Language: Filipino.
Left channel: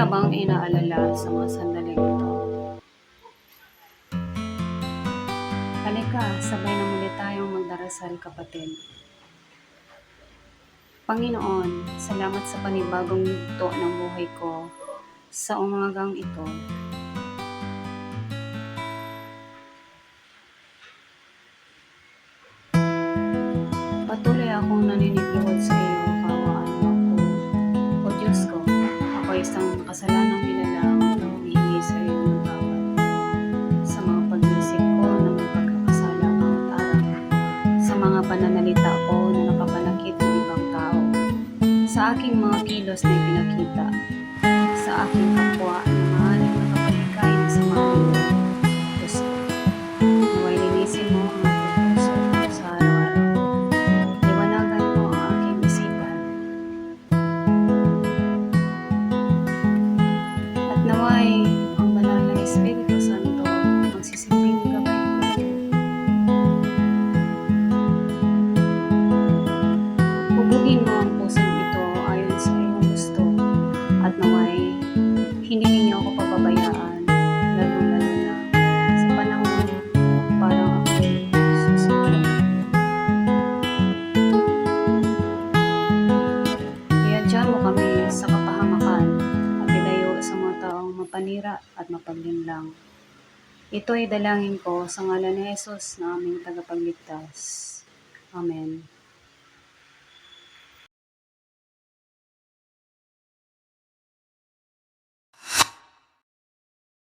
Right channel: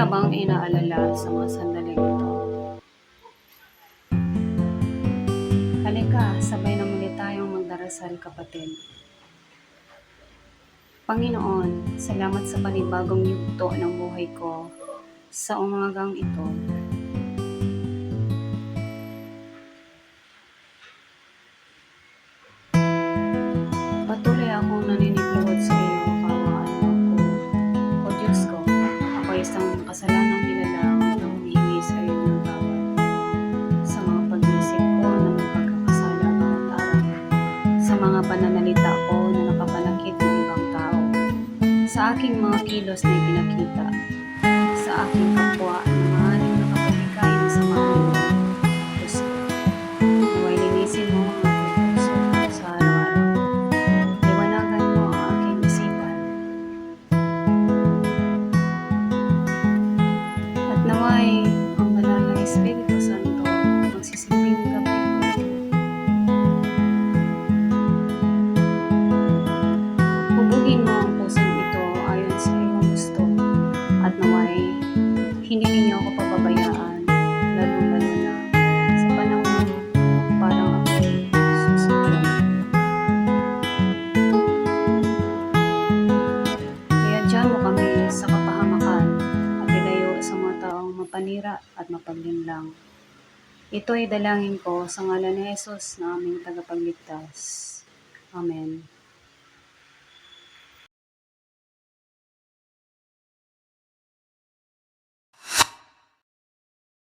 ka bang inaalala sa mga sandaling ito? Halika, sabay na muli tayong magdarasal, kapatid. Panginoon, salamat sa panibagong yugto ng buhay ko sa umagang ito. Patuloy akong naninipluhod sa iyo, kawaan mo ako. O Diyos ko, ako isang makasalanang nilalang na humihingi sa iyo ng tawad sa mga pag-iisip ko na may pagkakasala bawat araw, sa mga pananalita ko na nakapanakit ng ibang tao, sa aking mga kilos na ipinakita, sa aking kapwa na maaaring nakapag-ikay ng sama ng loob. Diyos ko, naway linisin mo ang aking puso sa araw-araw. Liwanagan mo ang aking isipan. At naway ang banal na Espiritu Santo magsisilbing gabay ko. Hubugin mo ang pusong ito ayon sa iyong gusto, at naway hindi ninyo ako pababayaan, lalo-lalo na sa panahon parang ako'y susukon. Iadya mo kami sa kapahamakan at ilayo sa mga taong mapanira at mapaglinlang. Ito ay dalangin ko sa ngalan ni Jesus na aming tagapagligtas. Amen.